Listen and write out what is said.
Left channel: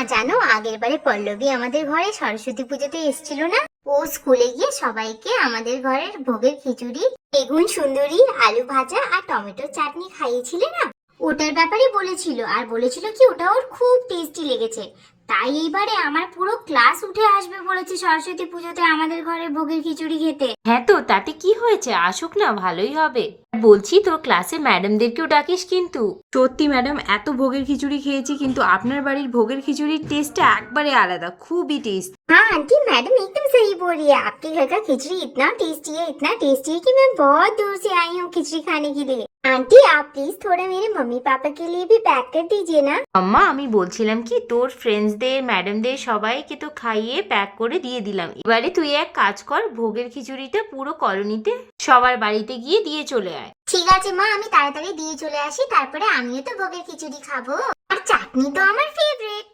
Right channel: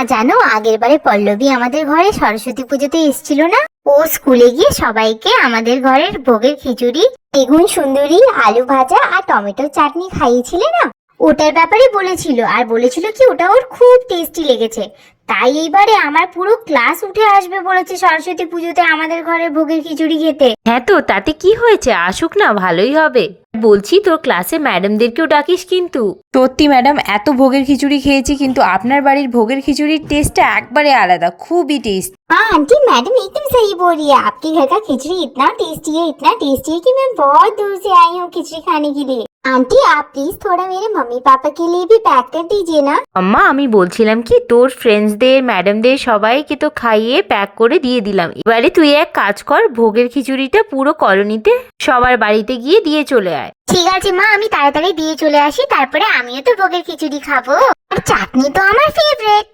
আর জানো, আগের বারে পল্লবী আমাদের ঘরে সরস্বতী পুজোতে এসেছিল না? ও স্কুলে গিয়ে সবাইকে আমাদের ঘরের ভোগের খিচুড়ি, বেগুন সুন্দরী, আলু ভাজা আর টমেটো চাটনি খাইয়েছিলে না? ওটার ব্যাপারে বলেছিল, আর বলেছিল কি ওটা ওর খুব টেস্টি লেগেছে। তাই এইবারে আমার পুরো ক্লাস উঠে আসবে বলেছে সরস্বতী পুজোতে আমাদের ঘরে ভোগের খিচুড়ি খেতে। হ্যাঁ তো তাতে কি হয়েছে, আসুক না, ভালোই হবে। বলছি তোর ক্লাসে ম্যাডামদেরকেও ডাকিস কিন্তু। সত্যি ম্যাডাম, এত ভোগের খিচুড়ি খেয়েছি, কিন্তু আপনার বাড়ির ভোগের খিচুড়ির টেস্টটা একবারে আলাদা, খুবই টেস্ট। हाँ आंटी, मैडम एकदम सही बोल रही है। आपके घर का खिचड़ी इतना टेस्टी है कि मैं बहुत दूर से आई हूँ खिचड़ी खाने के लिए। आंटी आप प्लीज थोड़ा मेरे मम्मी पापा के लिए भी पैक कर दीजिए ना। আম্মা, আমি বলছিলাম কি, তোর ফ্রেন্ডসদের, ম্যাডামদের সবাইকে তো খাইয়ে প্যাক করে দিয়ে দিলাম। এবারে তুই এক কাজ কর, ভোগের খিচুড়িটা পুরো কলোনিতে সবার বাড়িতে গিয়ে দিয়ে চলে আয়। ঠিক আছে মা, আমি তাড়াতাড়ি দিয়ে চলে আসি, তারপরে আমিও তো ভোগের খিচুড়ি খাবো। আর চাটনি তো আমার ফেভারিট।